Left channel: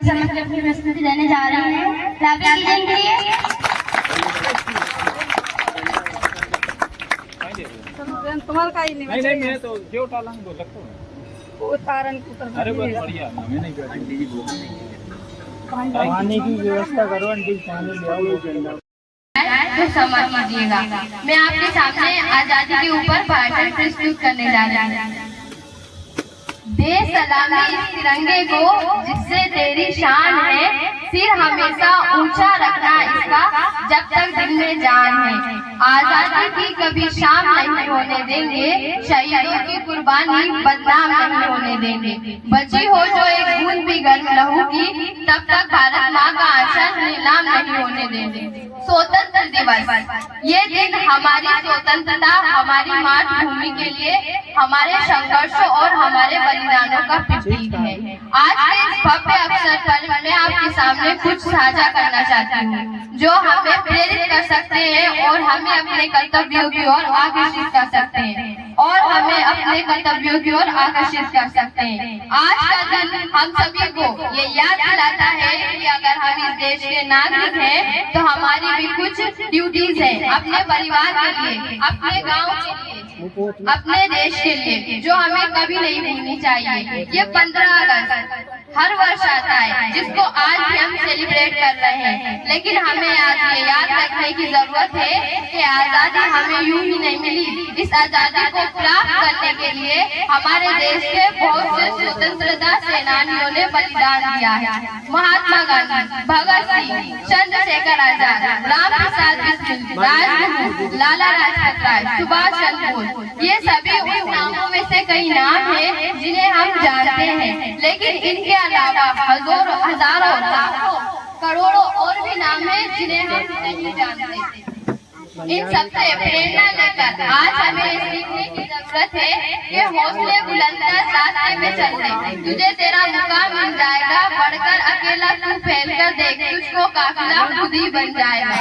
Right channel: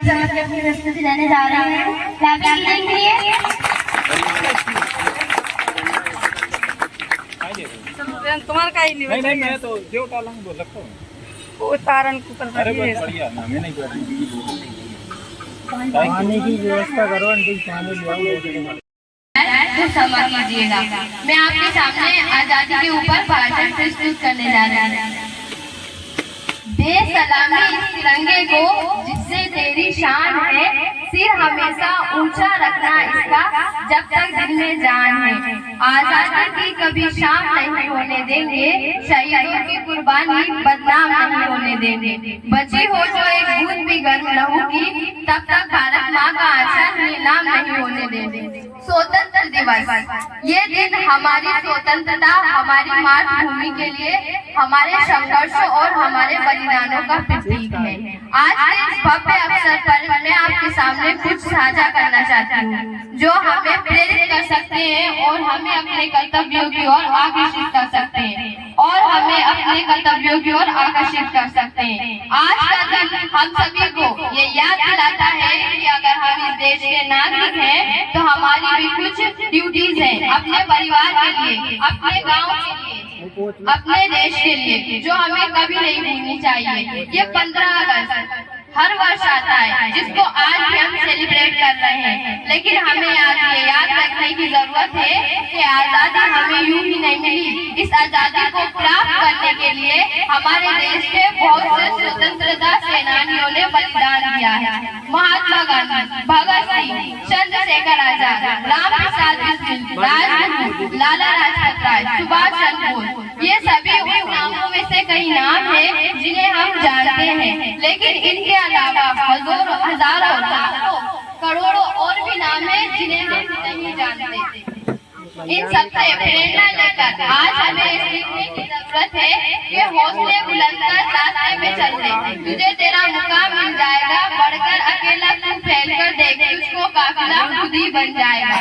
समझ के अपनी प्रस्तुति देने जा रही हैं। क्लैपिंग कीजिए प्रिय। तुम्हारा का ही नहीं नहीं मैं तो जो टालंग बोल सकता हूँ वो तारन के ऊपर अरे बहुत बढ़िया ना मैं नहीं पानी की व्यवस्था करो आंटी पानी ले तो समझ लीजिएगा। मैं आपके सामने आजादी के ऊपर भाषण प्रस्तुत करने जा रही हूँ। दे सलामी इस तिरंगे को जिससे तेरी शान है, सिर हमेशा ऊंचा रखना इसका जब तक दिल में जान है। आजादी की कभी शाम नहीं होने देंगे, शहीदों की कुर्बानी बदनाम नहीं होने देंगे। बची हो जो एक बूंद भी गर्म लहू की, तब तक भारत माँ का आंचल नीलाम नहीं होने देंगे। स्वतंत्र दिवस, ये दिन हमारी स्वतंत्रता, हमारी मातृभूमि के लिए हमारे संघर्ष और हमारे बलिदानों का प्रतीक है। आज के इस भव्य अवसर पर मैं आपके सामने कुछ साझा करना चाहती हूँ जो हमें प्रेरित कर सकते हैं और हमें अपने कर्तव्यों की ओर आकर्षित कर सकते हैं आज का दिन हम सभी को ये याद दिलाता है कि अगर हम इस देश के नागरिक हैं तो हमारी भी कुछ ड्यूटीज हैं अपने परिवार के लिए, अपने गांव के लिए, अपने देश के लिए, जो हमें कभी नहीं भूलनी चाहिए। ये 15 अगस्त हर वर्ष आता है, जिसको आज भी हम सेलिब्रेट कर रहे हैं। लेकिन हमें आज ये याद रखने की जरूरत है कि आजादी हमें यूं ही नहीं मिली। इस आजादी को प्राप्त करने के लिए हमारे देश के बहुत से स्वतंत्रता सेनानियों ने बलिदान दिया है। महात्मा गांधी, भगत सिंह, चंद्रशेखर आजाद, राम प्रसाद बिस्मिल, राजगुरु, लाला लाजपत राय, सुभाष चंद्र बोस, ये सभी उन नामों में से कई नाम हैं जिन्हें हम जानते हैं। लेकिन इनके अलावा हजारों लाखों करोड़ों और भी नाम हैं जिन्हें हम नहीं जानते। इन सबसे प्रेरणा लेकर आज हमें सीखने की जरूरत है कि हौसले बुलंदर रास्ते में चलते। तुझे तेरा मुकाम मिल जाएगा, बढ़कर अकेला तू फैल कर देख, तुझको काफिला खुद ही बन जाएगा।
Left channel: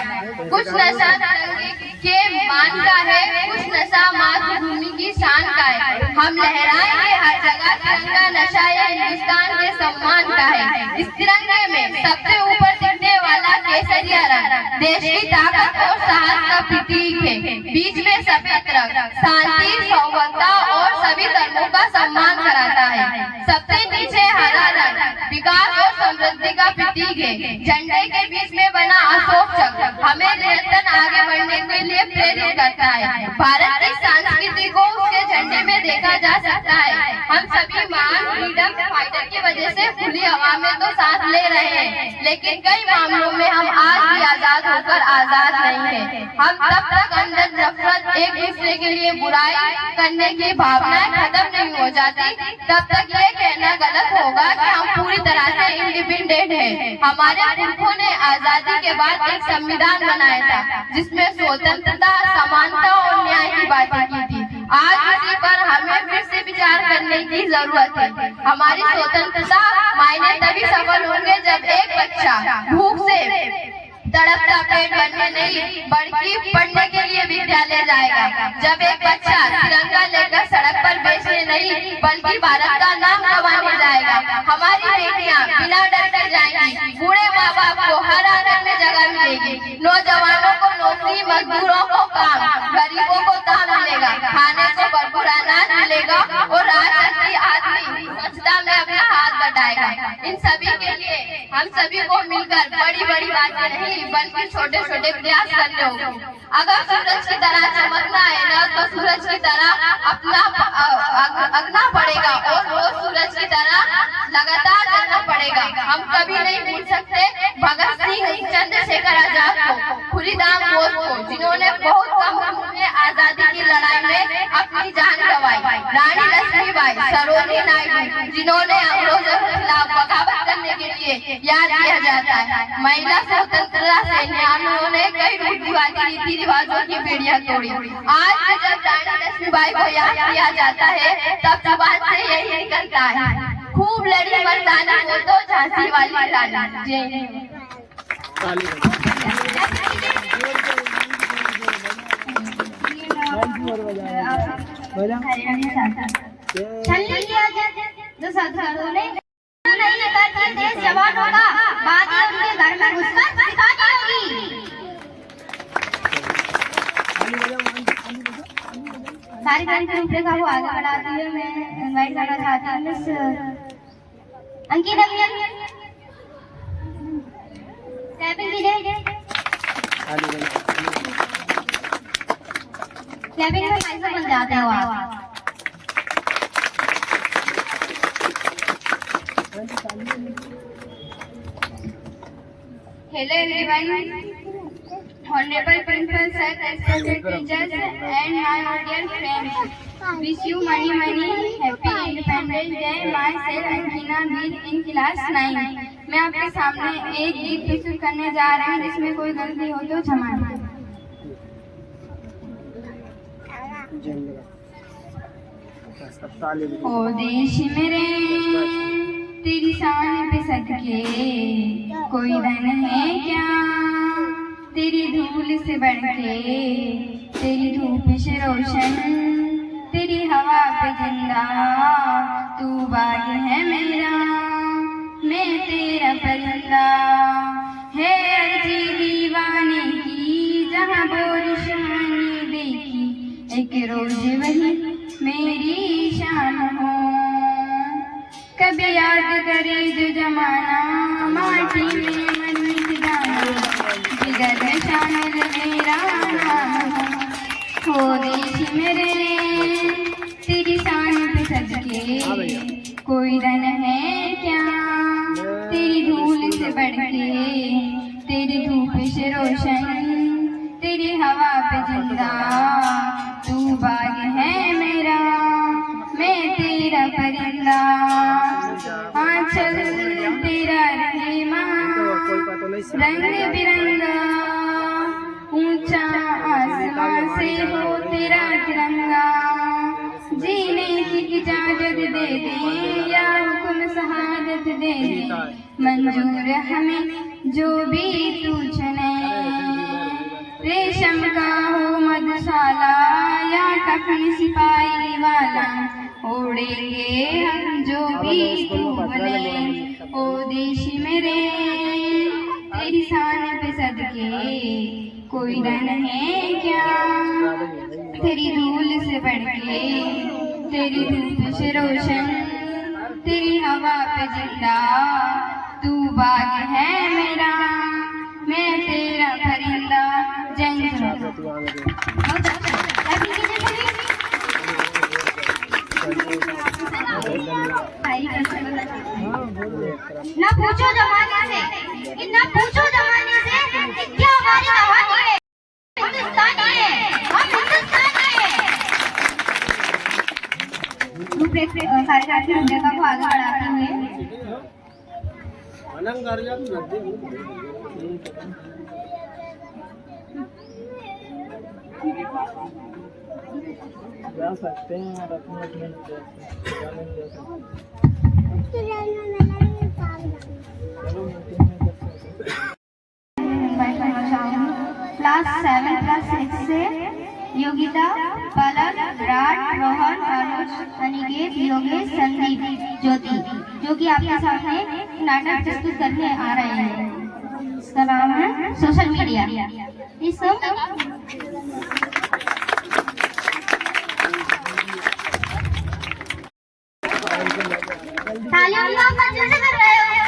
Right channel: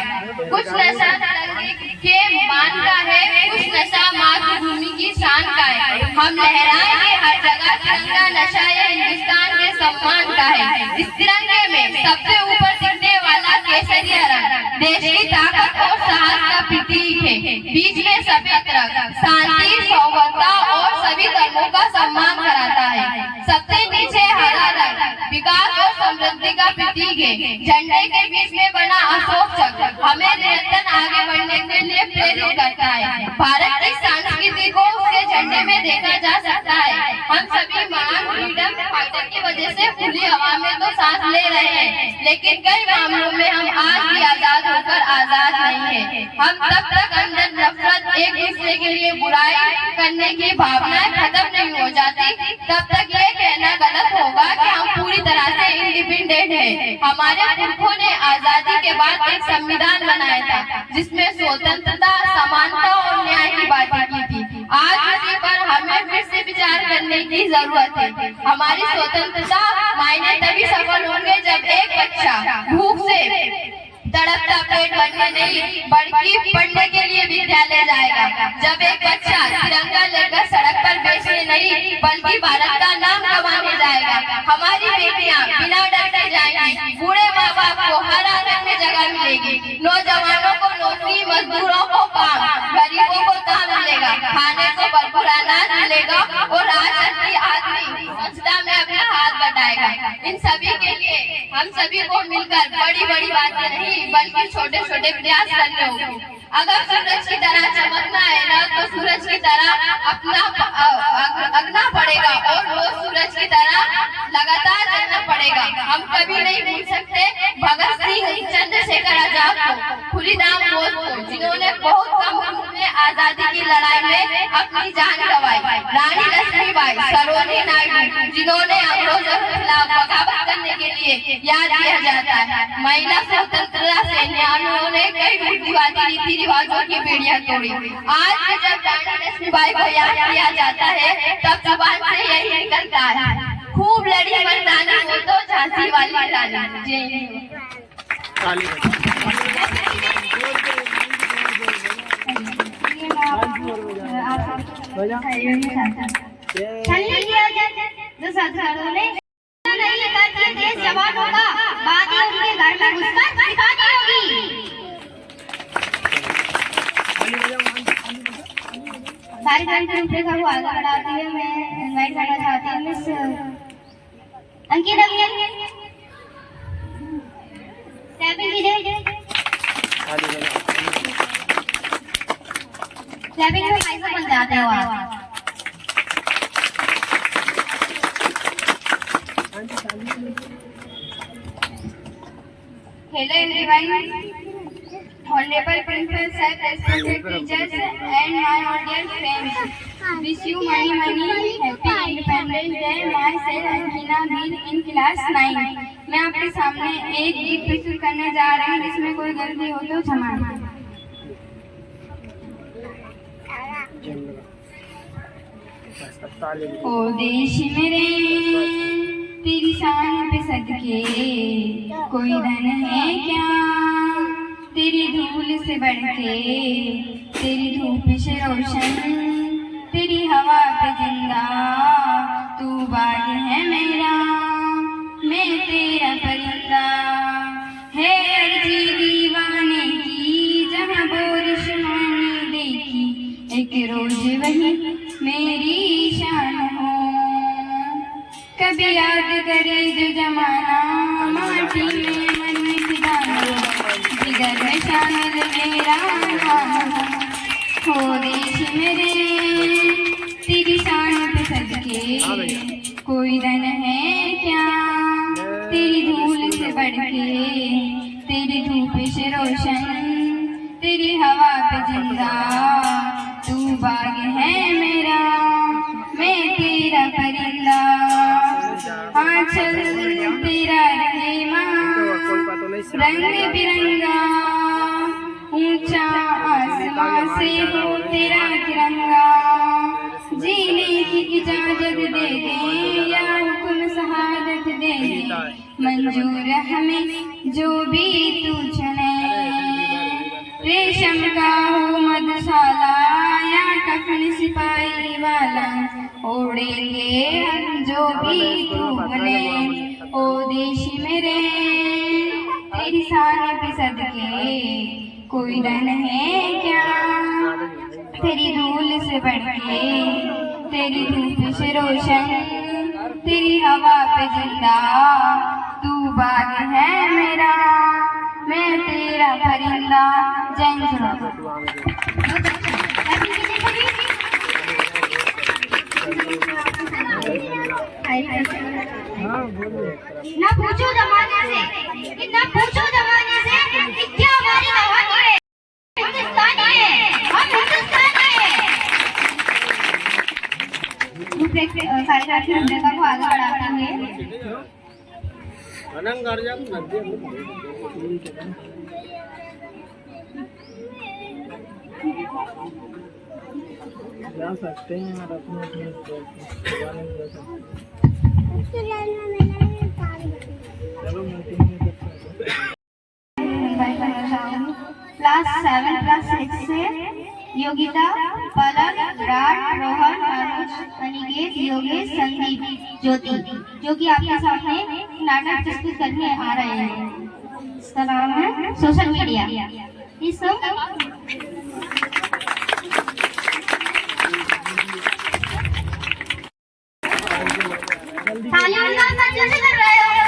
कुछ नशा तिरंगे के मान का है, कुछ नशा मातृभूमि की शान का है। हम लहराएंगे हर जगह तिरंगा, नशा ये हिंदुस्तान के सम्मान का है। इस तिरंगे में सबसे ऊपर दिखने वाला केसरिया रंग देश की ताकत और साहस का प्रतीक है। बीच में सफेद रंग शांति, सौहार्द और सभी धर्मों का सम्मान कराता है। सबसे नीचे हरा रंग विकास और समृद्धि का प्रतीक है। झंडे के बीच में बना अशोक चक्र हमें निरंतर आगे बढ़ने के लिए प्रेरित करता है। भारत की संस्कृति को उसके झंडे में देखा जा सकता है। हम सभी महान फ्रीडम फाइटर की वजह से खुली हवा में तो सांस ले रहे हैं, लेकिन कई मामलों में हम आज भी आजाद होकर आजाद नहीं है। हम तब तक अंदर नफरत, एक दूसरे के लिए बुराई करने की भावनाएं खत्म नहीं हो जाती, तब तक ये कहना गलत होगा कि हम पूरी तरह से इंडिपेंडेंट हैं। हमारे पुरखों ने आजादी के बाद एक संविधान बनाया था जिसमें स्वतंत्रता, समानता और न्याय की बातें की थी। आज इसी पर हमें फिर से विचार करने की जरूरत है। हमारी स्वतंत्रता मायने तभी सफल होंगे जब एक बच्चा भूख से तड़पता पेट भरने नहीं बल्कि पढ़ने के लिए विद्यालय जाएगा, जब एक बच्चा तिरंगा लेकर सड़क पर बेचने नहीं बल्कि भारत का नाम कमाने जाएगा। हमारी बेटियां बिना डर के जाएंगी, बूढ़े माँ बाप को हर आंगन में जगह मिलेगी, नौजवानों को नौकरी, मजदूरों को काम, गरीबों को दाम मिलेगा, खाने को भरपूर अनाज मिलेगा और राजनीति आदमी स्वच्छता में अपना हाथ बढ़ाएगा। इन सभी के लिए हम सभी को मिलकर बड़ी बड़ी बातें नहीं बल्कि छोटे छोटे प्रयास करने होंगे। अगर सूरज की तरह चमकना है ना, तो सूरज की तरह अपना अगना पड़ेगा और रोज सूरज की तरह लगातार चलना पड़ेगा। हम कभी नहीं भूल सकते भगत सिंह, चंद्रशेखर आजाद को, खुलीराम बोस को, जिन्होंने बहुत कम उम्र में आजादी की लड़ाई में अपनी जान गंवाई, रानी लक्ष्मीबाई, सरोजिनी नायडू, जिन्होंने अंग्रेजों के खिलाफ बगावत करने के लिए याद किया जाता है। महिला स्वतंत्रता सेनानियों ने कई रूढ़िवादी रीति रिवाजों की बेड़ियां तोड़ी। आज भी जब रानी लक्ष्मीबाई को याद किया जाता है तब जुबान से यही निकलता है, खूब लड़ी मर्दानी वो तो झांसी वाली रानी। जो सरदारों ने नहीं लगा कि देश जवान होगा, बाद में उनके घर में घुसकर सिखानी होगी। सारी कार्यक्रम को आगे बढ़ाते हुए मैं इनवाइट करना चाहती हूँ मिस अंकिता अभियान क्लैपिंग कीजिए। क्लैपिंग में कैसे बन जाते हो आप? Hello everyone, honorable principal sir, respected teachers and my audience friends. Wish you many happy Independence Day. Myself Angina Mir in class 9. मैं आपके सामने एक गीत प्रस्तुत करने जा रही हूँ जिसमें कोई गलती हो तो क्षमा। ओ देश मेरे तेरी शान पे सदके कोई धन है क्या, तेरी धूल से बढ़ के, तेरी धूप से रोशन, तेरी हवा पे जिंदा, तू बाग है मेरा, मैं तेरा परिंदा। है अर्जी दीवाने की जहाँ बारिश मैंने देखी, एक रोज वही मेरी शान हो। जब याद करे जो जमाना, माटी में मन मिटाना, जिगर में शामिल मेरा नाम हो देश मेरे, तेरी शान पे सदके कोई रन है क्या, तेरी धूल से बढ़ के, तेरी धूप से रोशन, तेरी हवा पे जिंदा, तू बाग है मेरा, मैं तेरा परिंदा, आंचल तेरा रहीमा, रंग बिरंगा, ऊंचा आसमां से हो तेरा तिरंगा, जीने की इजाजत दे दे या हुक्म शहादत दे दे, मंजूर हमें जो भी तू चुने, रेशम का हो मधुशाला या कफन सिपाही वाला, ओढ़ेंगे हम जो भी तू बने, ओ देश मेरे, तेरी शान पे सदके कोई रन है क्या, तेरी धूल से बढ़ के, तेरी धूप से रोशन, तेरी हवा पे जिंदा, तू बाग है मेरा, मैं तेरा परिंदा। जय ना पूछो जमाने से, ना पूछो जमाने से कि क्या हमारी कहानी है, हिंदुस्तानी है, हम हिंदुस्तानी है। कार्यक्रम की भूमिका को आगे बढ़ाते हुए जा सकते हैं और अपने क्लास 7 क्लास 6 से योगिता, पलक, विराट, रोहन, अनुज, अनिकेत, योगेश, संदीप, ज्योति, जो कि आपके सामने नाटक प्रस्तुत करने आ रहे हैं। इसका नाम है सोशल मीडिया। इस कर रहे हो।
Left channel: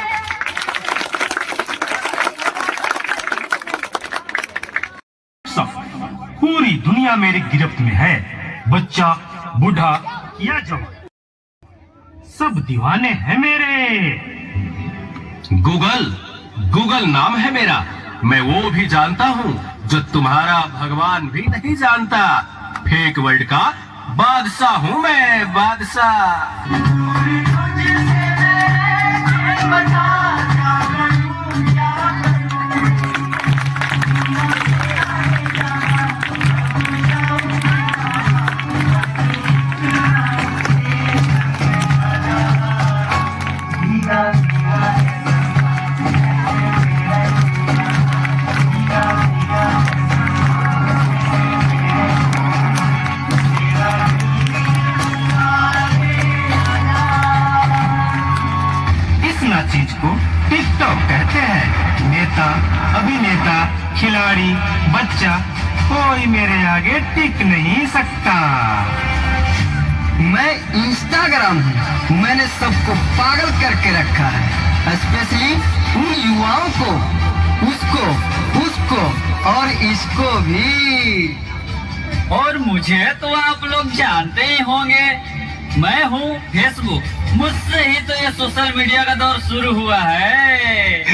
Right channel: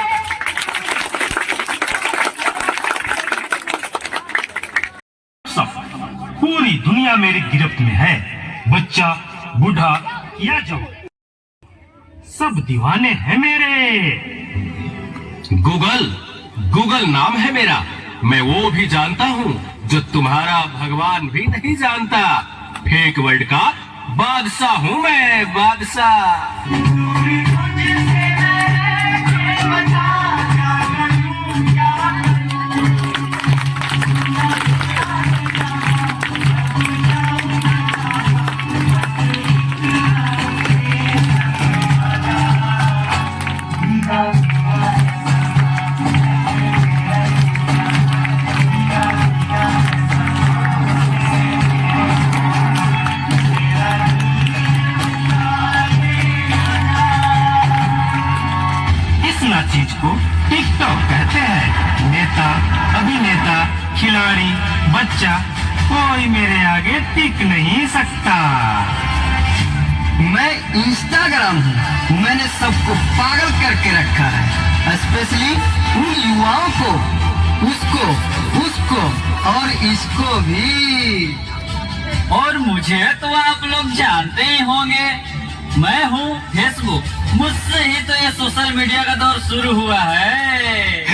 पूरी दुनिया मेरी गिरफ्त में है, बच्चा, बूढ़ा या जवान, सब दीवाने हैं मेरे। गूगल नाम है मेरा, मैं वो भी जानता हूँ जो तुम्हारा भगवान भी नहीं जानता। फेक वर्ल्ड का बादशाह हूँ मैं, बादशाह। चीज को टिकटॉक कहते हैं। नेता, अभिनेता, खिलाड़ी, बच्चा, कोई मेरे आगे टिक नहीं सकता। मैं इंस्टाग्राम हूँ, मैंने सबको पागल करके रखा है, स्पेशली उन युवाओं को, उसको और इसको भी। और मुझे तो आप लोग जानते ही होंगे, मैं हूँ फेसबुक, मुझसे ही तो ये सोशल मीडिया का दौर शुरू हुआ है।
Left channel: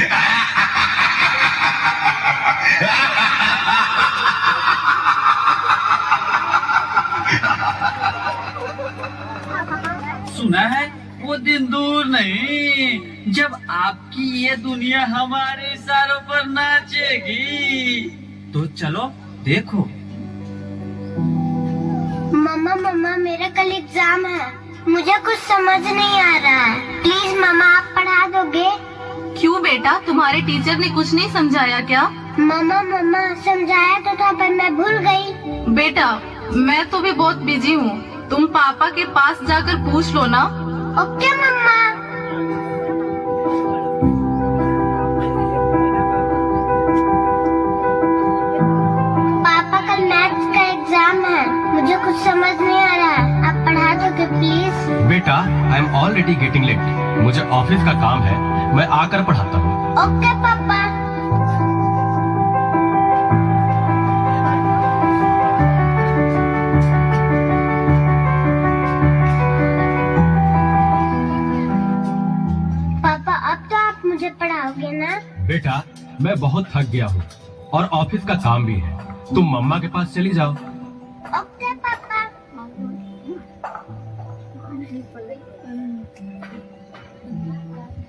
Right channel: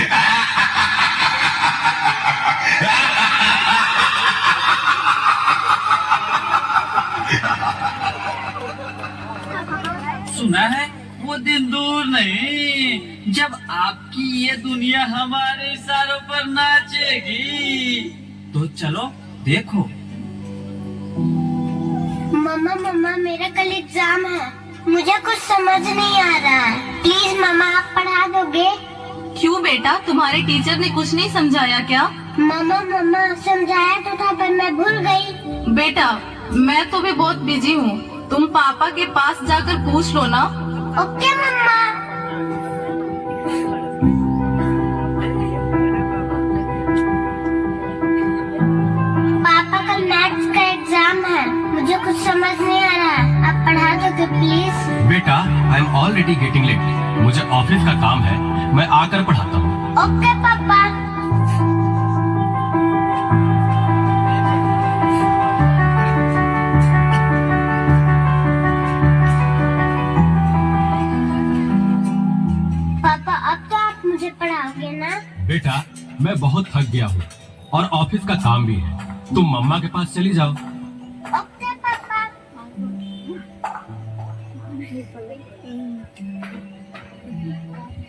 सुना है वो दिन दूर नहीं जब आपकी ये दुनिया हमारे इशारों पर नाचेगी। तो चलो देखो। मम्मा मेरा कल एग्जाम है, मुझे कुछ समझ नहीं आ रहा है, प्लीज मम्मा आप पढ़ा दोगे? क्यों बेटा, तुम्हारे टीचर ने कुछ नहीं समझाया क्या? मम्मा समझाया तो था पर मैं भूल गई। बेटा मैं तो भी बहुत बिजी हूँ, तुम पापा के पास जाकर पूछ लो ना। ओके मम्मा। पापा कल मैथ्स का एग्जाम है, मुझे कुछ समझ नहीं आ रहा है, आप पढ़ा दोगे प्लीज? बेटा, I am already already getting late. मुझे ऑफिस का काम है, मैं आकर पढ़ाता हूँ। ओके पापा। पापा अब तो आप मुझे पढ़ाओगे ना? बेटा मैं बहुत थक गया हूँ और ऑफिस का काम भी है, तुम मम्मा के पास चली जाओ। ओके पापा।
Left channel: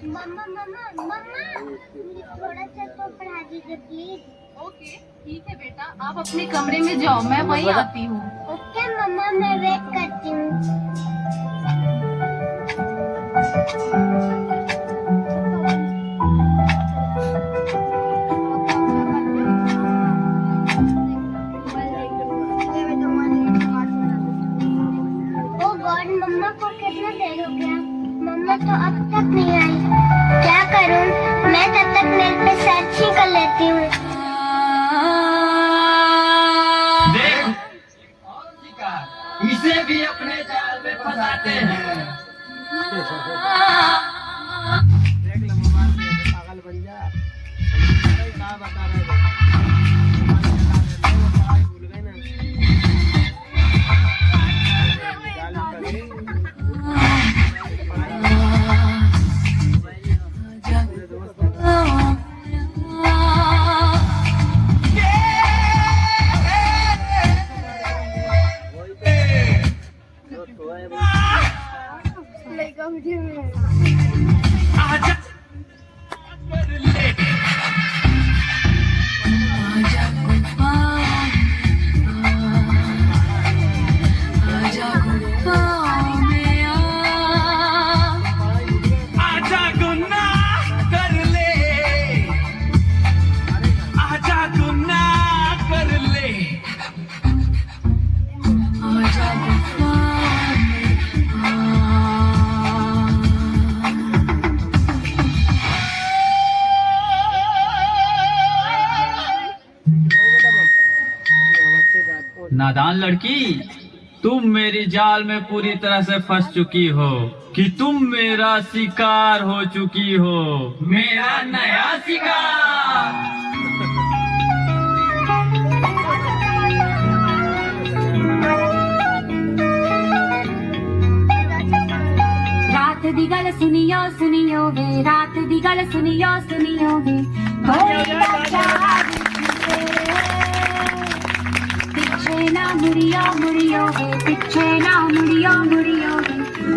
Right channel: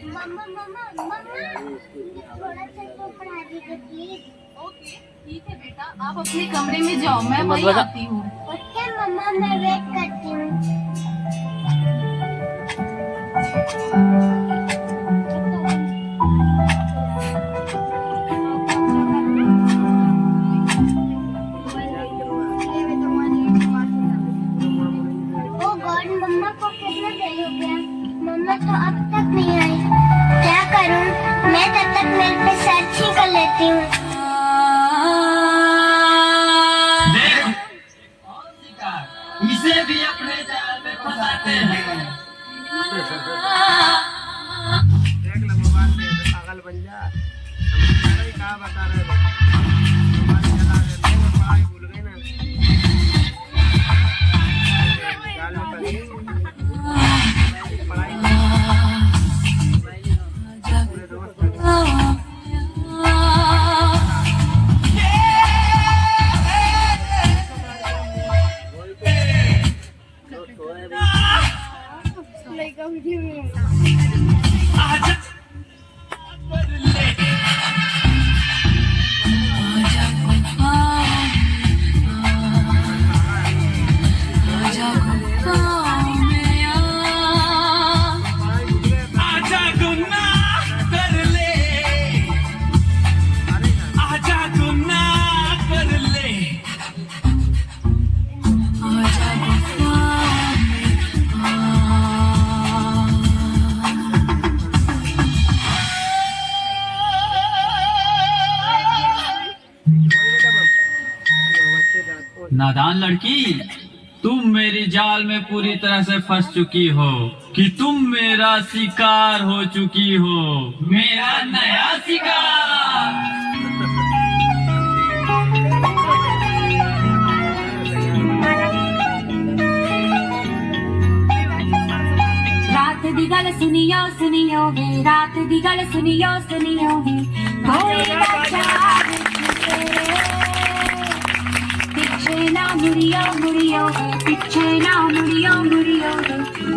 मम्मा मम्मा मम्मा थोड़ा सा तो पढ़ा दीजिए प्लीज। ओके ठीक है बेटा, आप अपने कमरे में जाओ, मैं वहीं आती हूँ। ओके मम्मा, मैं वेट करती हूँ। ओ गॉड, मम्मा को कितना देर हो गया, मम्मा तो अब तक नहीं आई। क्या करूं? मैं तब तक नेट पे सर्च ही कर लेती हूँ। इसे भी अपने जाल में फंसाते हैं। देख लो मोबाइल पे पागल बन जा। समझ नहीं क्या बता रहे हो। मोबाइल चला रहे हो, वो पढ़ाई भूल गए ना। जाल में पड़ी। पूरे दोस्त नादान लड़की, तुम मेरी जाल में पूरी तरह से फंस चुकी हो कि तुम मेरा शिकार हो चुकी हो, मेरा नया शिकार। रात दी गल सुनियो सुनियो वे, रात दी गल सुनियो सुनियो वे, कोई पिछे ना मुड़ियो मुड़ियो वे, पिछे ना मुड़ियो मुड़ियो वे,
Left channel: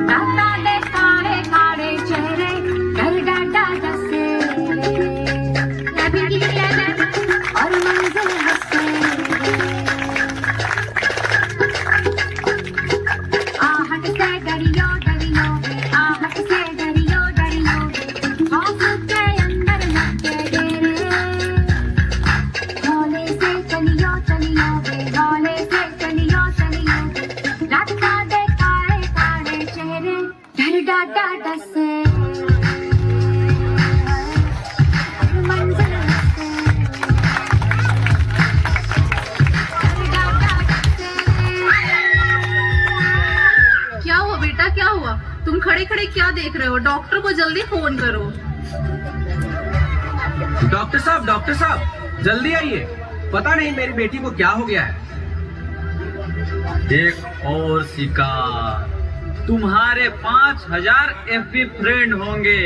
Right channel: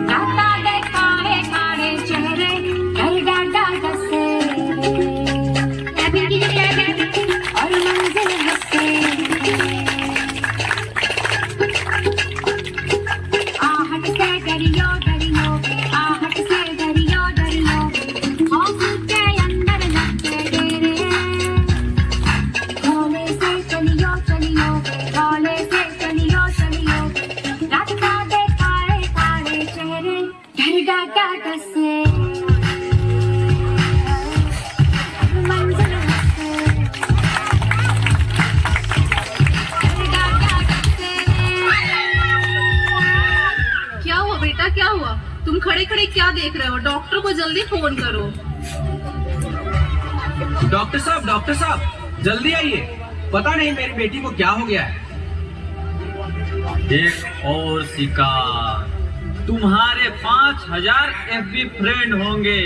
राता दे काले काले चेहरे कर डाटा जैसे और मंजिल हंसे। आहट से डरियो डरियो, आहट से डरियो डरियो, आंसू के अंदर लगे डेरे, भोले से चलियो चलियो, भोले से चलियो चलियो, रास्ता दे काले काले चेहरे डर डाटा डसे मंजिल हंसे, डर डाटा डसे। क्या हुआ बेटा, क्या हुआ? तुम खड़े खड़े क्या देख रहे हो? डॉक्टर को जल्दी फोन करो। डॉक्टर साहब जल्दी आइए, पता नहीं मेरी बेटी को क्या हो गया है। एक और शिकार। तुम्हारे 5000 FB फ्रेंड होंगे,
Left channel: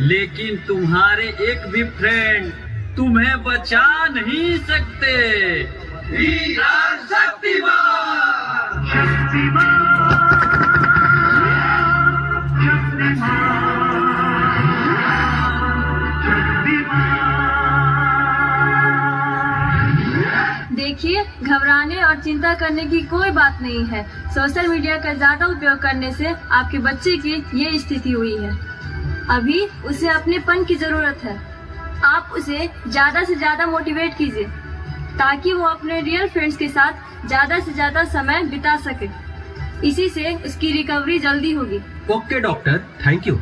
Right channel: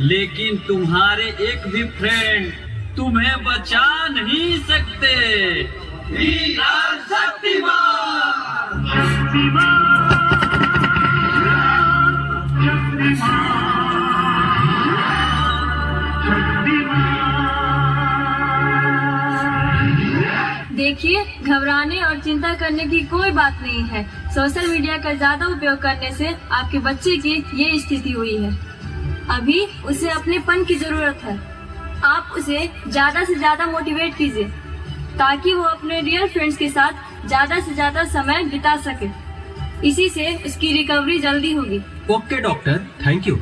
लेकिन तुम्हारे एक भी फ्रेंड तुम्हें बचा नहीं सकते। वीरान शक्तिमान। देखिए, घबराने और चिंता करने की कोई बात नहीं है। सोशल मीडिया का ज्यादा उपयोग करने से आपके बच्चे की ये स्थिति हुई है। अभी उसे अपनेपन की जरूरत है। आप उसे ज्यादा से ज्यादा मोटिवेट कीजिए ताकि वो अपने रियल फ्रेंड्स के साथ ज्यादा से ज्यादा समय बिता सके। इसी से उसकी रिकवरी जल्दी होगी। Okay doctor, thank you.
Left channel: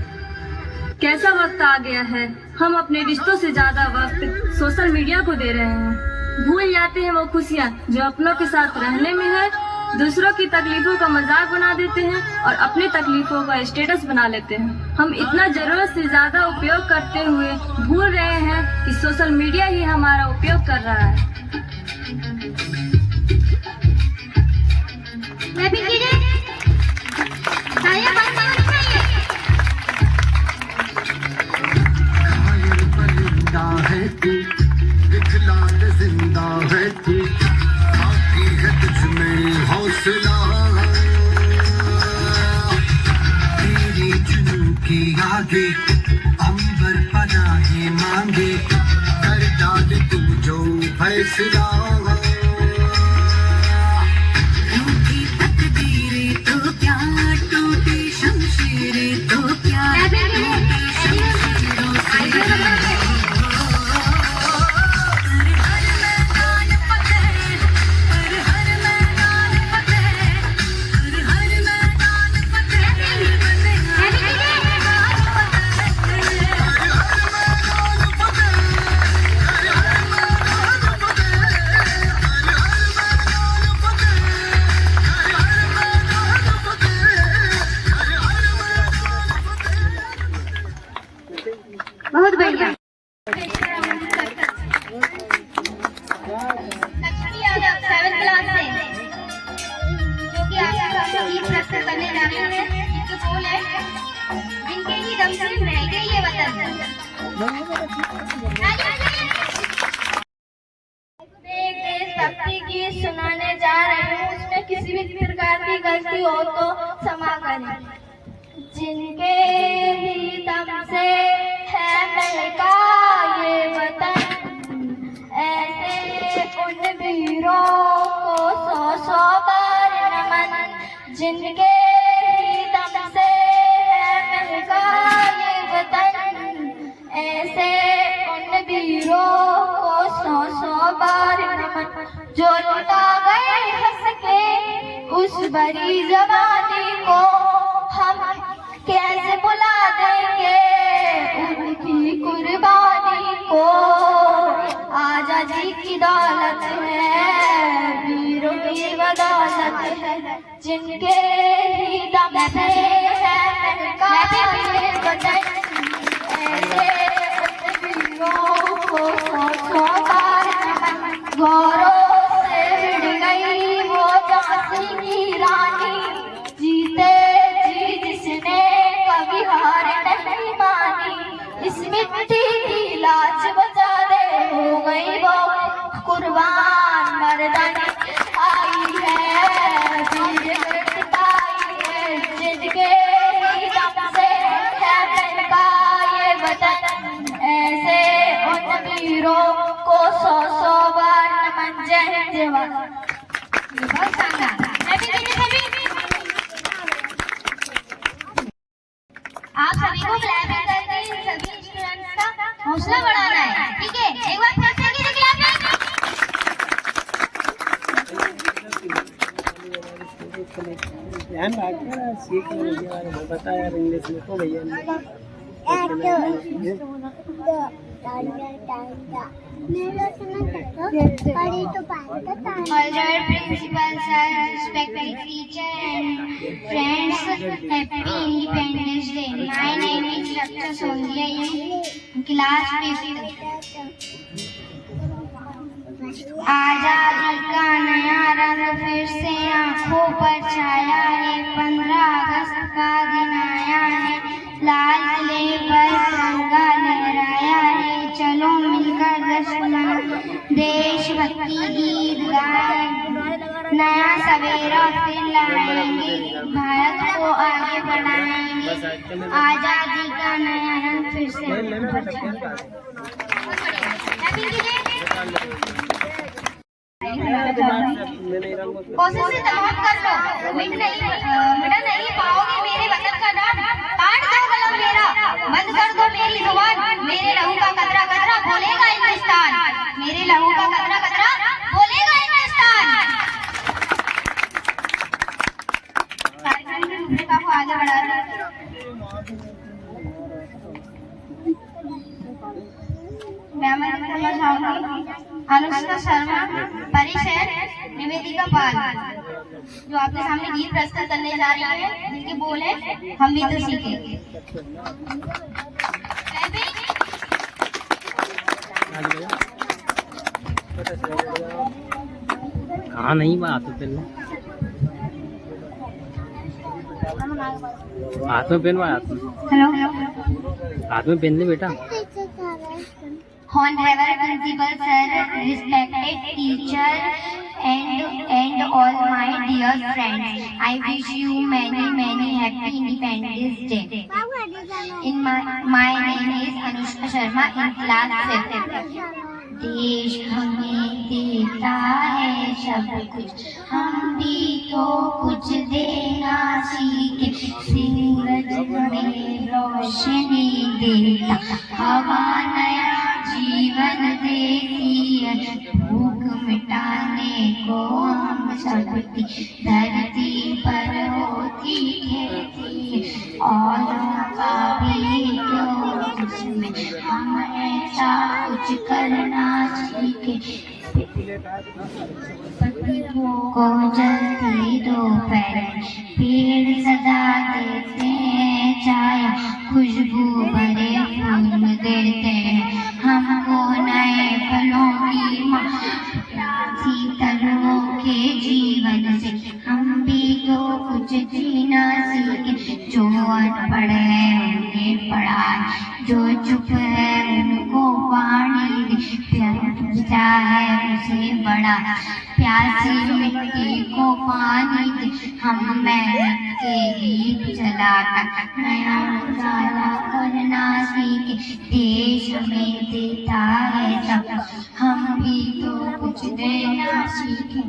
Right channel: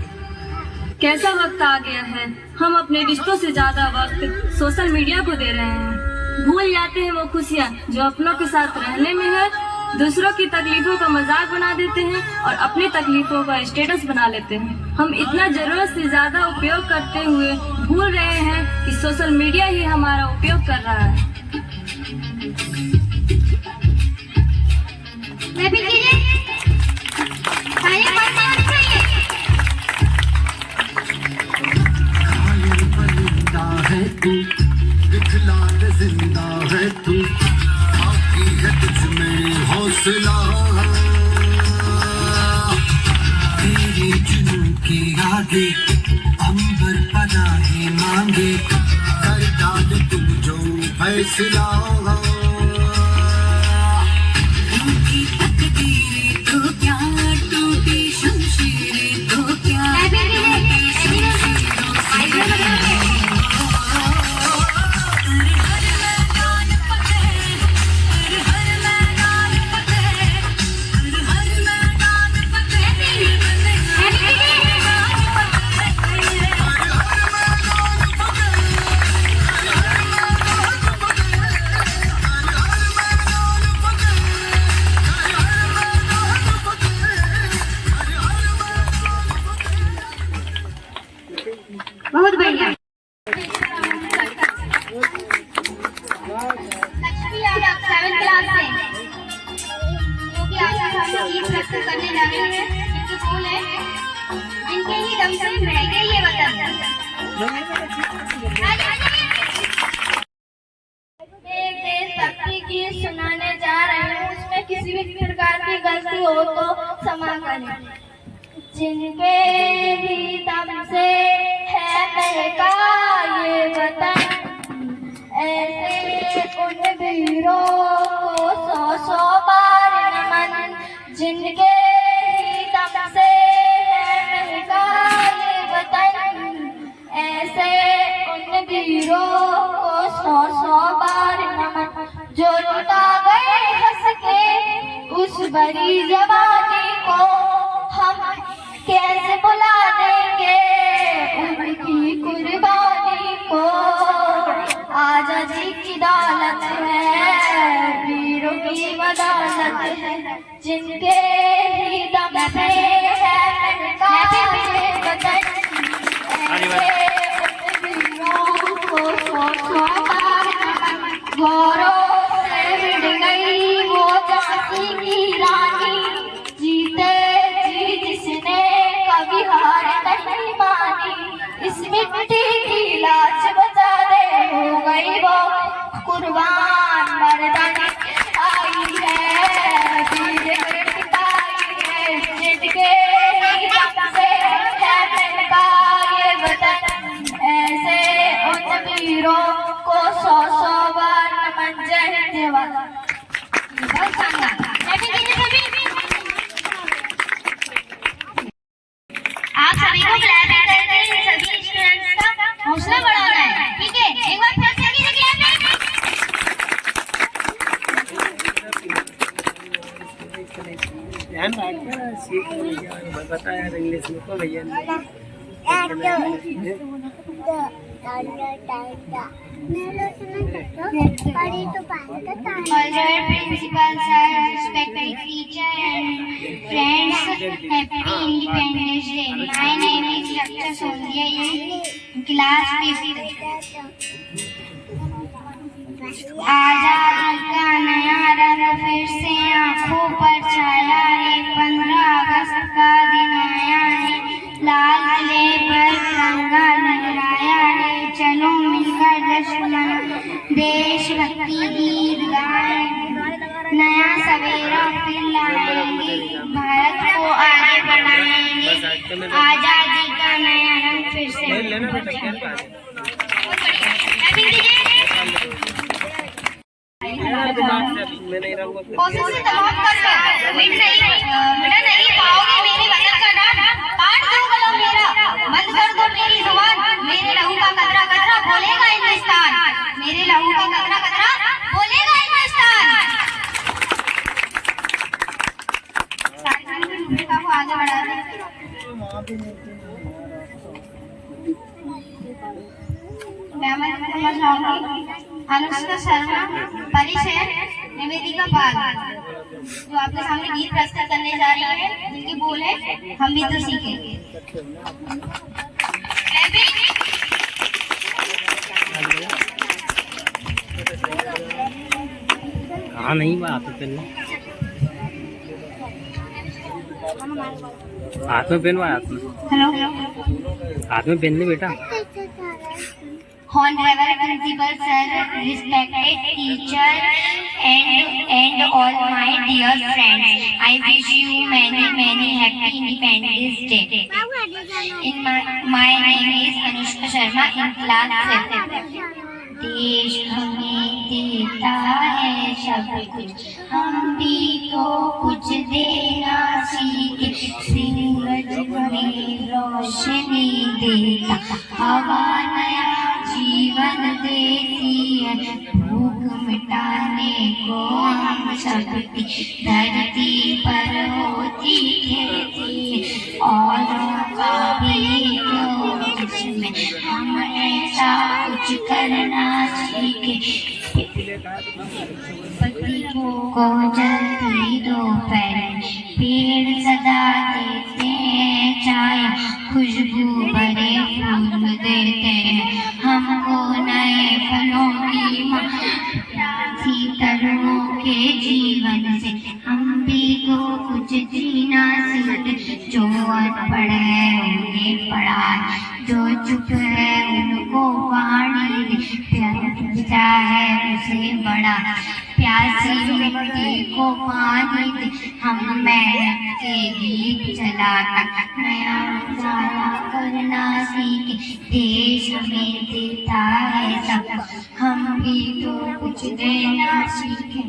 कैसा वक्त आ गया है, हम अपने रिश्तों से ज्यादा वक्त सोशल मीडिया को दे रहे हैं। भूल जाते हैं वो खुशियाँ जो अपनों के साथ रहने में है दूसरों की तकलीफों का मजाक बना देते हैं और अपनी तकलीफों का स्टेटस बना लेते हैं। हम इतना जरूरत से ज्यादा उपयोग करते हुए भूल रहे हैं कि सोशल मीडिया ही हमारा उपयोग कर रहा है। जिंदा है तू, बाकी है तुझ में हौसला, तेरी जुनून के आगे अंबर पनाहे मांगे, कर डाल तू जो फैसला। रूठी तकदीरें तो क्या, टूटी शमशीरें तो क्या, बहुत बढ़िया। सेवन क्लास से जो कि आज हम गीत प्रस्तुत करने जा रहे हैं, जिनके बोल है, जिनके ही दम से महके ये वतन। एक देशभक्ति गीत सुनाने जा रहे हूँ, उसमें किसी भी प्रकार की गलती हो तो क्षमा करें। जिनके ही दम से है महका ये वतन, ऐसे उन वीरों को 100 बार नमन। जिनके ही दम से है महका ये वतन, ऐसे उन वीरों को 100 बार नमन। जो लुटा गए हंस के उस बड़ी जवानी को, हम कैसे बुला देंगे उनकी कुर्बानी को। आजादी की दौलत है, वीरों की बदौलत है, जिनके ही दम से है महका ये वतन, ऐसे वीरों को 100 बार नमन। गौरव से भिड़ गई वो झांसी की रानी, जीते जी जिसने कभी हार नहीं मानी। इस मिट्टी की लाज बचा दे, हो गई वो कुर्बान मर्दानी। आई है वीर सिपाही है, जिनके ही दम से है महका ये वतन, ऐसे उन वीरों को 100 बार नमन। जय हिंद जय भारत। बहुत शानदार। आप सभी को क्लैपिंग करके सभी स्टूडेंट्स का हौसला बढ़ाना है, ठीक है? एक बार फिर से कीजिए क्लैपिंग। ध्यान रखना, सीख भैया बता यार इंग्लिश में तो भैया Honored principal sir, respected teacher and friends, happy Independence Day. My name is Raksha Sondhiya in class 5th. आजादी का नया रंग फिर से आंखों पर छाया है, 15 अगस्त का दिन आया है, लाल किले पर तिरंगा लहराया है। चलो मिलकर जश्न मनाएं, देशभक्ति गीत गाएं, नया सवेरा फिर लाएंगे, भारत को आगे बढ़ाएंगे, आजादी का नया रंग फिर से। कोशिश से तमाम कर मिट नहीं पाओगे मेरे वतन का नाम। काट दो कलम मेरा, बंद कर दो मेरी जुबान, मेरे लहू का कतरा कतरा बोलेगा हिंदुस्तान, मेरे लहू का कतरा कतरा बोलेगा हिंदुस्तान। आगे बढ़ा अनुष्का शर्मा, परिचय निवेदिका पाल। जो आपके सामने गीत प्रस्तुत करने जा रही है, जिसके बोल है हम भी तो सीखेंगे। हाँ नहीं बात तो पहले हाथ में पहनवा, हेलो, हाथ में पहन ले बेटा। Honorable Principal Sir, respected teacher, and all my dear friends, I wish you many happy Independence Day. My name is Anushka Sharma in class 7. देश हमें देता है सब कुछ, हम भी तो कुछ देना सीखे। सूरज हमें रोशनी देता, हवा नया जीवन देती है, भूख मिटाने को हम सबकी धरती पर होती खेती, औरों का भी क्यों जिसमें हम ऐसा कुछ करना सीखे। पत्तियों को जल्दी दोपहर, पेड़ सदा देते हैं छाया, खुशबू भरे फूल देते हैं हमको नए फलों की शीतलों के जीवन से हम भी तो कुछ जीना सीखे। जो अनपढ़ है उन्हें पढ़ा, जो चुप है उनको वाणी दे, पिता है उसे बड़ा, प्यासी मिट्टी को पानी दे, हम मेहनत के गीत चलाकर नया उजाला करना सीखे। देश हमें देता है सब, हम भी तो कुछ देना सीखें।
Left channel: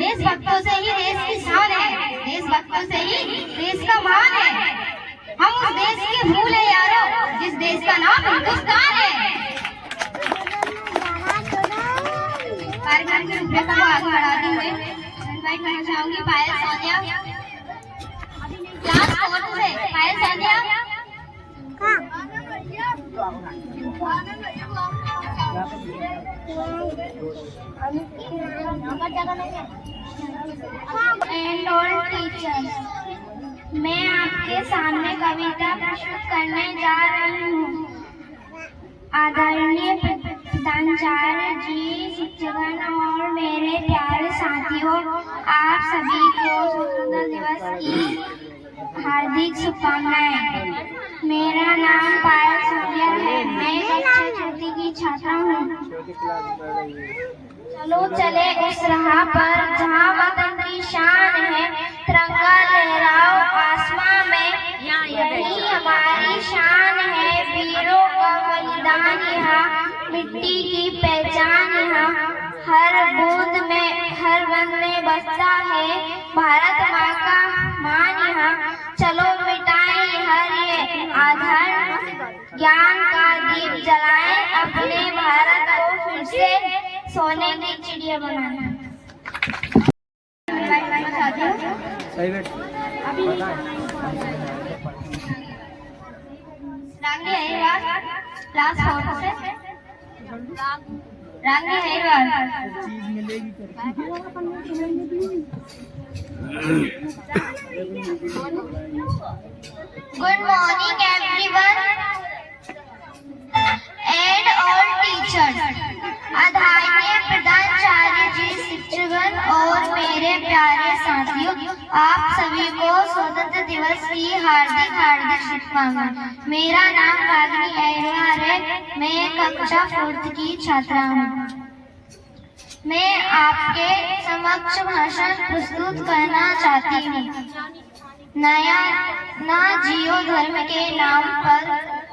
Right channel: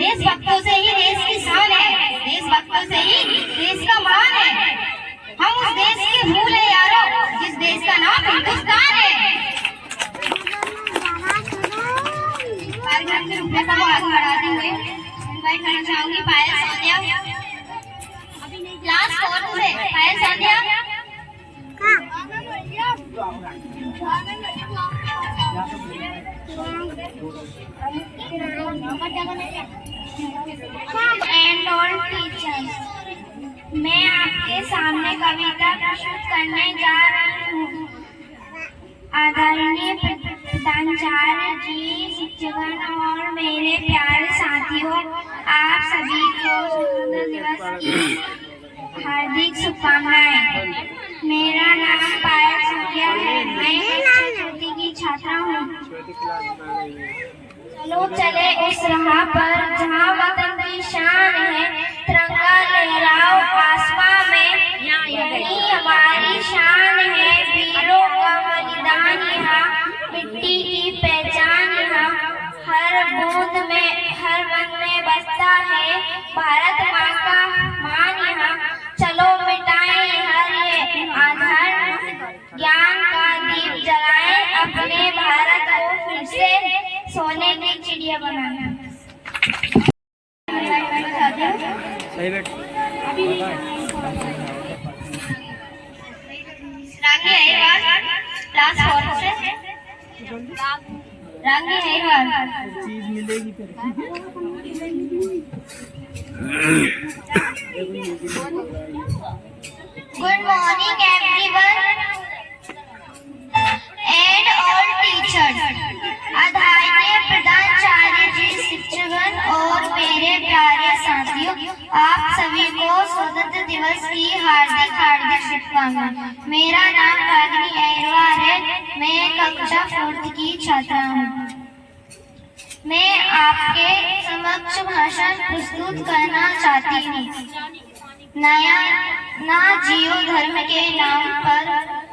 देशभक्तों से ही देश की शान है, देशभक्तों से ही देश का मान है। हम उस देश के फूल है यारों, जिस देश का नाम हिंदुस्तान है। कार्यक्रम के रूपरेखा को आगे बढ़ाते हुए इनवाइट करना चाहूंगी पायल सानिया, क्लास 4 से पायल सानिया। एंड ऑल टीचर्स, मैं आपके सामने कविता प्रस्तुत करने जा रही हूँ। आदरणीय प्रधानाचार्य जी, शिक्षकगण और मेरे प्यारे साथियों, आप सभी को स्वतंत्रता दिवस की हार्दिक शुभकामनाएं। मेरा नाम पायल सूर्या है, मैं कक्षा चौथी की छात्रा हूँ। चलो चले उस राह पर जहाँ वतन की शान है, तिरंगा लहराओ आसमां में, यही हमारी शान है। वीरों का बलिदान यहाँ, मिट्टी की पहचान यहाँ, हर बूंद में हर रंग में बसता है भारत माँ का मान यहाँ। चलो मिटाएं हर ये आधार, ज्ञान का दीप जलाएं, अपने भारत को फिर से सोने की चिड़िया बनाना। रांगी अहिरवार, क्लास 4 से। Rangi Ahirwar. Good morning everyone and all teachers. आदरणीय प्रधानाचार्य जी, शिक्षकगण और मेरे प्यारे साथियों, आप सभी को स्वतंत्रता दिवस की हार्दिक शुभकामनाएं। मेरा नाम रागिनी अहिरवार है, मैं कक्षा 4 की छात्रा हूँ। मैं आपके समक्ष भाषण प्रस्तुत करना चाहती हूँ। नया ना जियो धर्म के नाम पर,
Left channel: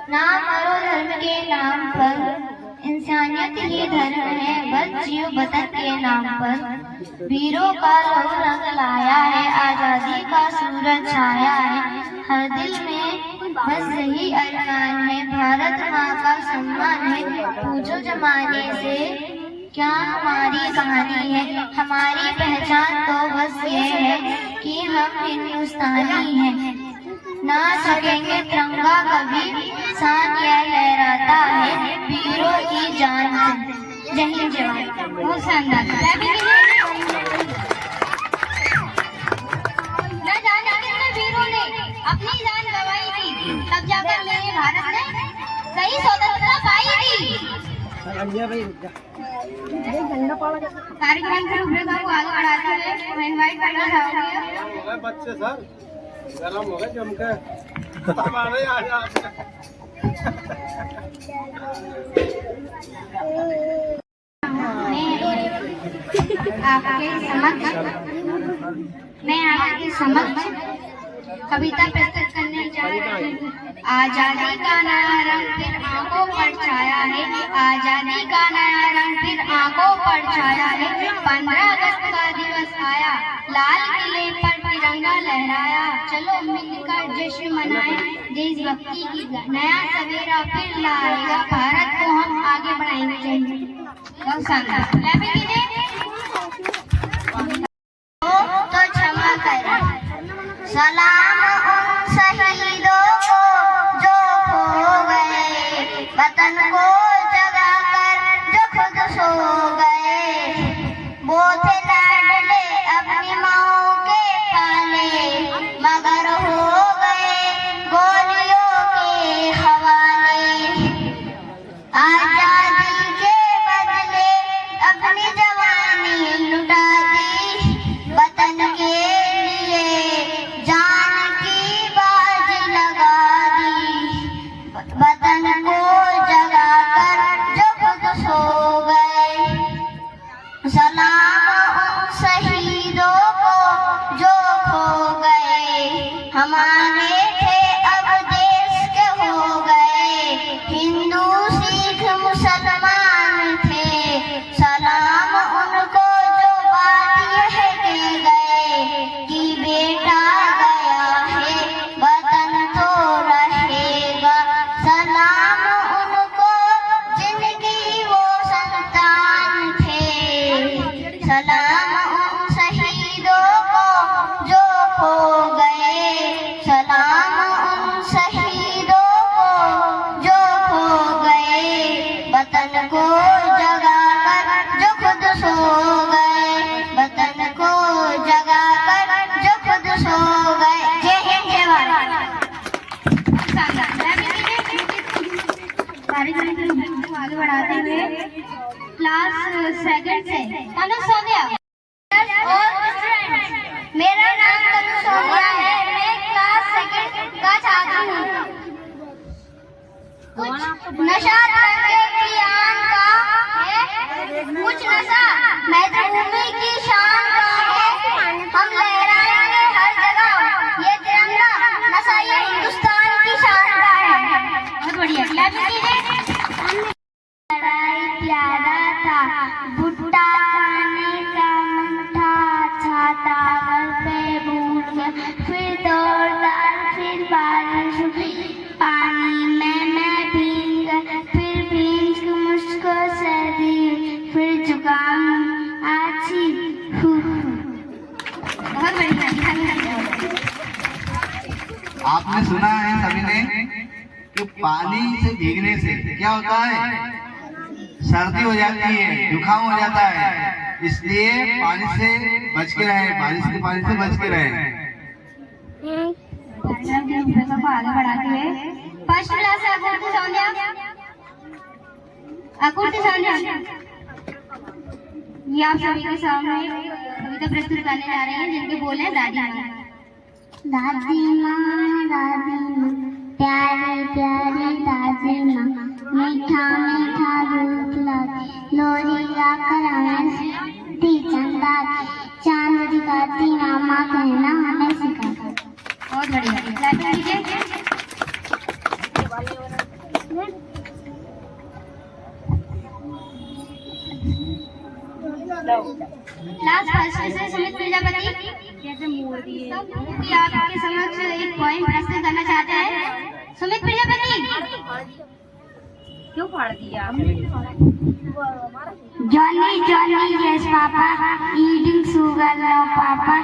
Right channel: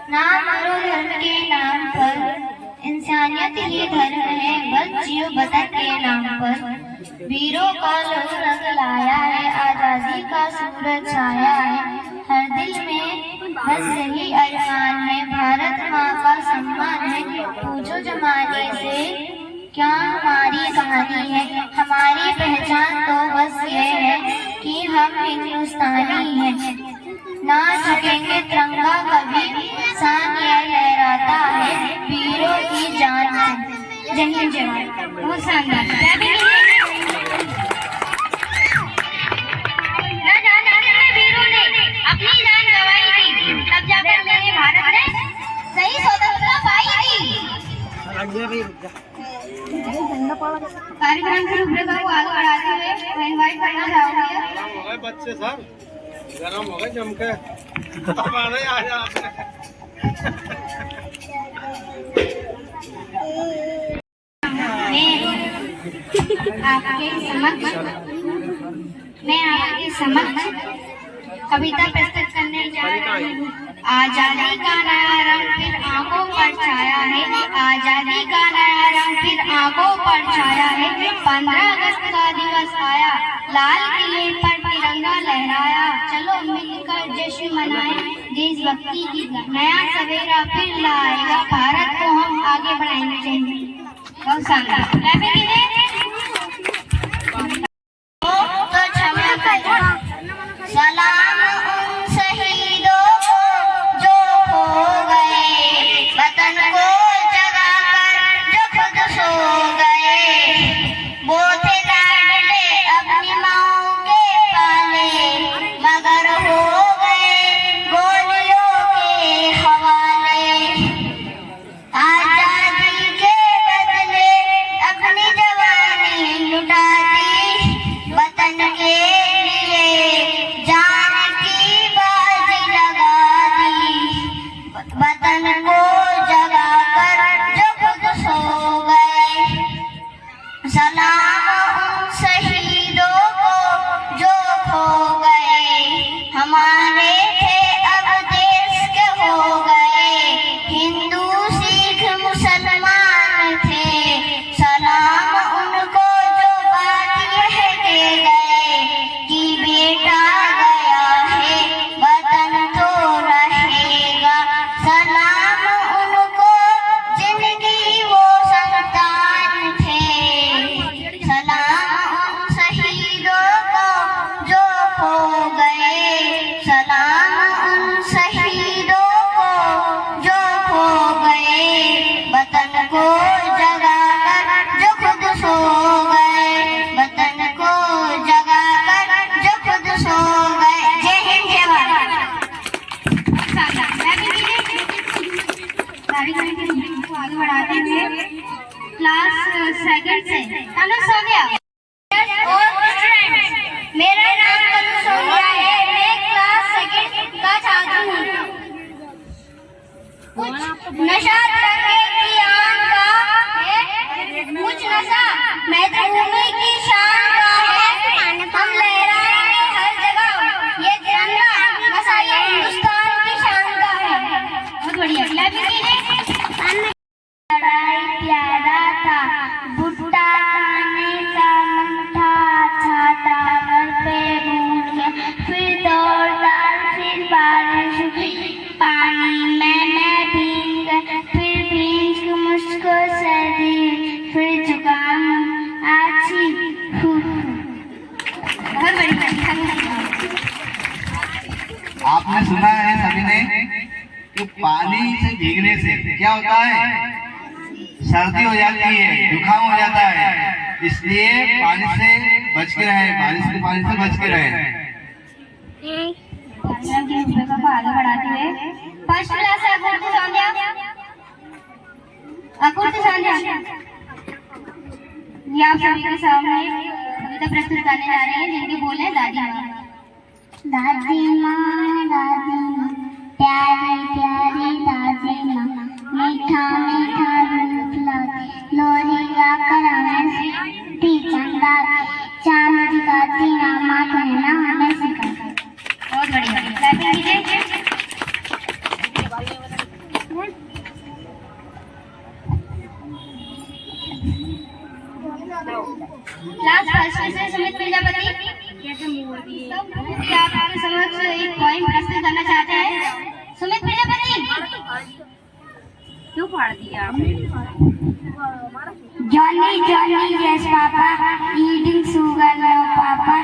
ना मरो धर्म के नाम पर, इंसानियत ये धर्म है, बस जियो वतन के नाम पर। वीरों का लहू रंग लाया है, आजादी का सूरज छाया है, हर दिल में बस यही अरमान है, भारत माँ का सम्मान है। पूछो जमाने से क्या हमारी कहानी है, हमारी पहचान तो बस ये है कि हम हिंदुस्तानी हैं। ना झुकेंगे तिरंगा कभी, शान यह लहराता है वीरों की जान से। जय हिंद जवान। बहुत शानदार। न जाने कितने वीरों ने अपनी जान गंवाई थी, तब जाकर मेरे भारत ने सही स्वतंत्रता पाई थी। कार्यक्रम की रूपरेखा को आगे बढ़ाते हुए मैं इनवाइट करना चाहूंगी बच्चे सर गरम हो गए जम के मैं आपके समक्ष कविता प्रस्तुत करने जा रही हूँ। आजादी का नया रंग फिर आंखों पर छाया है, आजादी का नया रंग फिर आंखों पर छाया है। 15 अगस्त का दिवस आया, लाल किले पर तिरंगा लहराया। चलो मिलकर जश्न मनाएं, देशभक्ति की नया सवेरा फिर लाएगा, भारत को हम आगे बढ़ाएंगे। बहुत शानदार। तो क्षमा करें। सलाम उन शहीदों को जो खो गए, वतन को जगाकर जो खुद सो गए। वो थे लाडले अपनी माओ के पाले, मगर हो गए गोलियों के हवाले। आजादी के बदले अपनी जवानी लुटा दी, वतन के लिए जान की बाजी लगा दी। वतन को जगाकर जो खुद सो गए। सलाम उन शहीदों को जो खो गए, हमारे थे अब देश के हो गए। हिंदू सिख मुसलमान थे, सलाम उनको जो बात यह दे गए कि बेटा गया है वतन तो रहेगा। सलाम उनको जिनकी वो संतान थे, सलाम उन शहीदों को जो खो गए। सलाम उन शहीदों को जो खो गए, वतन को जगाकर जो खुद सो गए। वतन को जगाकर जो खुद सो गए। जय हिंद जय भारत। कार्यक्रम के को आगे बढ़ाते हुए क्लास सेकंड से तनु सोनिया और मेरा नाम तनु सोनिया है। मैं क्लास सेकंड का छात्र हूँ। कुछ नशा तिरंगे की आन का है, कुछ नशा मातृभूमि की शान का है। हम लहराएंगे हर जगह ये तिरंगा, नशा ये हिंदुस्तान की शान का है। बहुत बढ़िया। लड़ाई प्यारा था, भुट्टा खाने का मन था, छाता घर पे भूल गया। फिर दौड़दार फिर बारिश हुई, पानी में मैं भीग गया। फिर भीग मुझको सर्दी, फिर जुकाम आछी। बहुत बढ़िया। आपने सुना है सभी ने कि पानी से भीगने से क्या होता है? सर्दी हो जाती है, जुकाम हो जाता है। इसलिए पानी से बच के रहे, पानी से बच के रहे। को आगे बढ़ाते हुए फर्स्ट क्लास आकृति संध्या ये आप सभी के सामने कविता प्रस्तुत करने जा रहे हैं, जिनके बोल हैं दादी माँ। दादी माँ प्यारी प्यारी दादी माँ, मीठा मीठा रूप लाती, लोरी गाकर हमें सिखाती, चंदा चांद दिखाती, मामा कहना हमें सिखाती। बहुत बढ़िया। क्लास फर्स्ट से सुमित प्रजापति आपके समक्ष एक पॉइंट प्रस्तुत करना चाहते हैं। सुमित प्रजापति क्यों फाड़ दिया? Johnny, Johnny, yes, Papa. Eating sugar, no, Papa.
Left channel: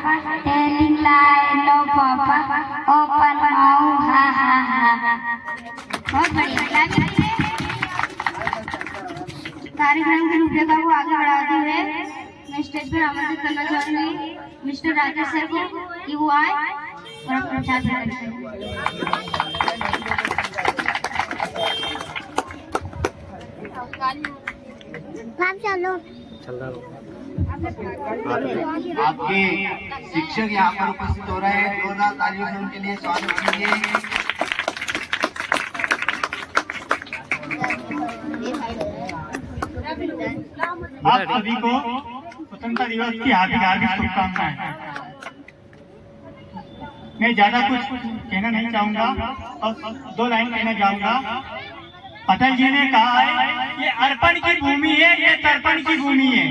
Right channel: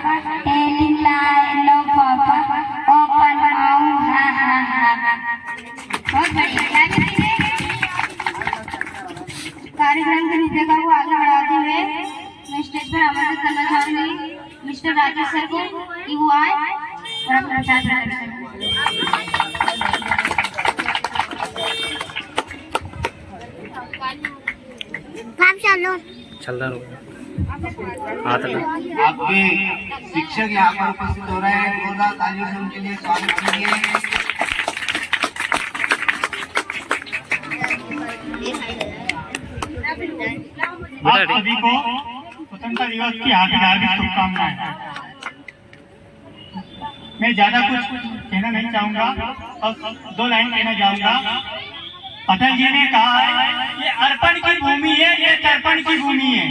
Telling lie, no, Papa. Open mouth, ha, ha, ha. बहुत बढ़िया। कार्यक्रम की रूपरेखा को आगे बढ़ाते हुए मैं स्टेज पर आमंत्रित करना चाहूंगी मिस्टर राजेश सर को कि वो आए और अपना प्रचार करें। आपके शिक्षक यहाँ पर उपस्थित हो रहे हैं, जोरदार तालियों से उनके लिए स्वागत कीजिए। आप सभी को स्वतंत्रता दिवस की हार्दिक शुभकामनाएं। मैं ज्यादा कुछ कहना नहीं चाहूंगा और 2 लाइन कहना चाहूंगा। अटल जी ने कहा है ये अर्पण की भूमि है, ये तर्पण की भूमि है।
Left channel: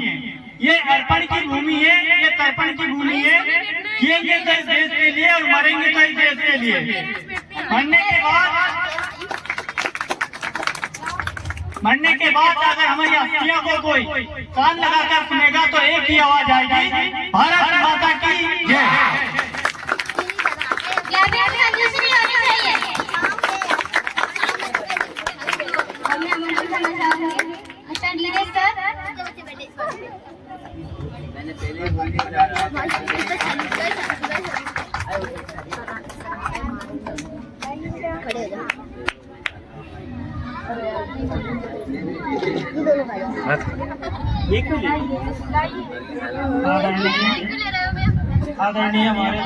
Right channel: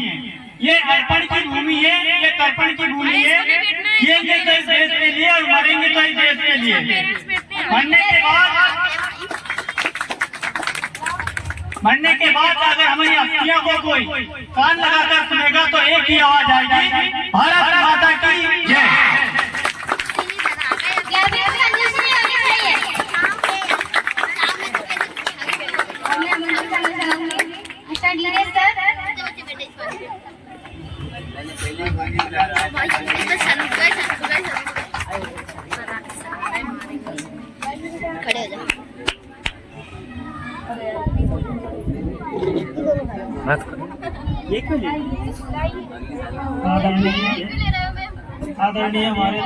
ये अर्पण की भूमि है, ये तर्पण की भूमि है। जिएंगे तो इस देश के लिए और मरेंगे तो इस देश के लिए। मरने के बाद अगर हमारी अस्थियों को कोई कान लगाकर सुनेगा तो एक ही आवाज आएगी, भारत माता की जय। आदरणीय हमारे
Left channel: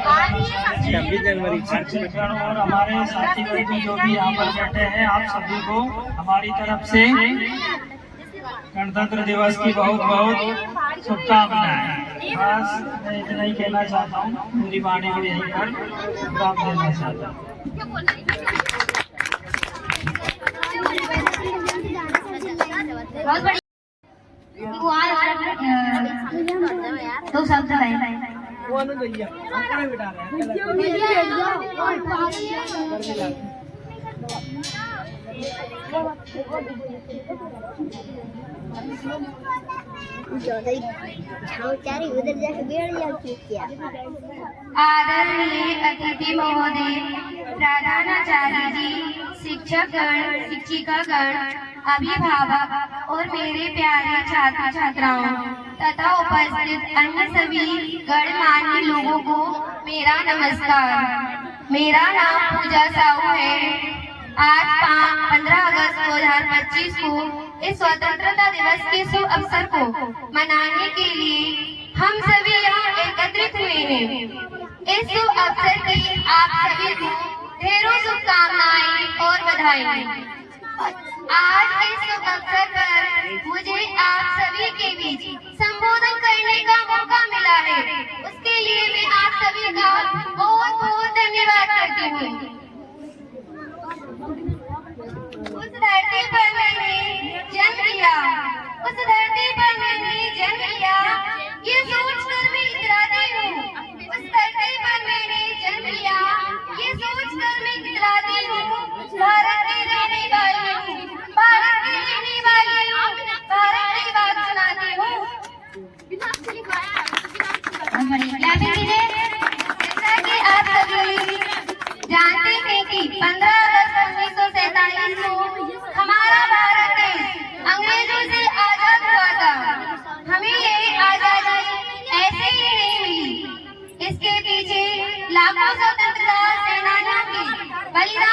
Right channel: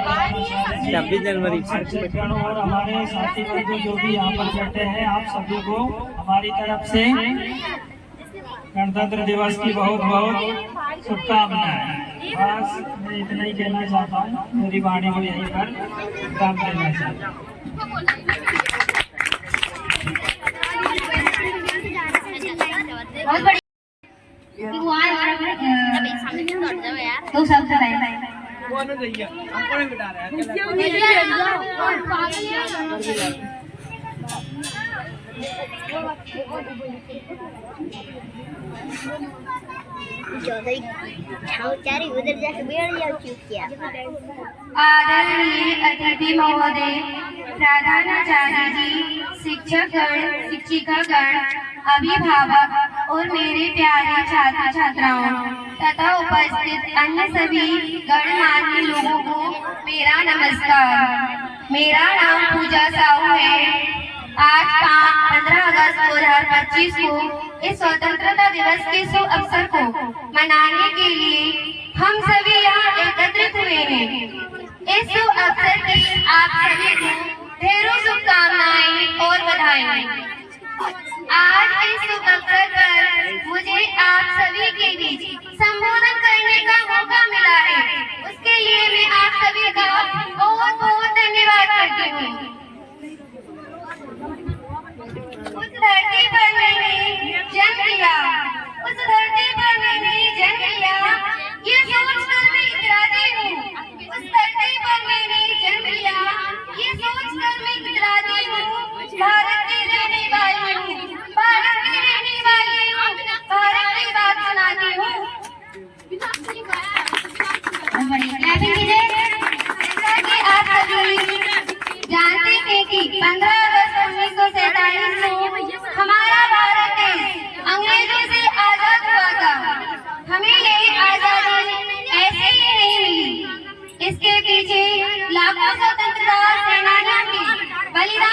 26 जनवरी शिक्षकों और हमारे साथी बंधु जो भी यहाँ पर बैठे हैं, आप सभी को हमारी तरफ से गणतंत्र दिवस की बहुत बहुत शुभकामनाएं। बस मैं इतना ही कहना चाहता हूँ, मेरी वाणी को यहीं पर विराम देना चाहता हूँ। बहुत बढ़िया। वो आए और तो शब्द लाए। उधर जाके बैठ जाओ चुपचाप। आदरणीय अतिथि महोदय, प्रधानाचार्य जी, शिक्षकगण, शिक्षिकागण, अभिभावक और मेरे प्यारे छात्र छात्राओं तथा उपस्थित अन्य सभी गणमान्य लोगों को मेरा नमस्कार। मेरा नाम पूजा साहू है। आज 15 अगस्त 2025 को इस स्वतंत्रता दिवस के शुभ अवसर को मनाने के लिए हम सभी यहाँ एकत्रित हुए हैं। इस शुभ अवसर की आप सभी को ढेरों शुभकामनाएं और बधाई। आज इस शुभ अवसर पर मुझे आप सभी के बीच संबोधन करने का मौका मिला है, उसके लिए मैं आप सभी का बहुत बहुत धन्यवाद करती हूँ। उस धरती पर मैंने जन्म लिया, उस धरती पर मैंने जन्म लिया, ये सोचकर मैं इतराती हूँ। उस धरती पर मैंने जन्म लिया, ये सोचकर मैं इतराती हूँ। भारत की रहने वाली हूँ, भारत की रहने वाली हूँ, भारत की बात सुनाती हूँ। जैसा कि आप सभी जानते हैं कि 15 अगस्त 1947 को हमारा भारत देश अंग्रेजों से आजाद हुआ था। हमें ये आजादी ऐसे ही नहीं मिली, इसके पीछे लाखों स्वतंत्रता सेनानियों की बलिदान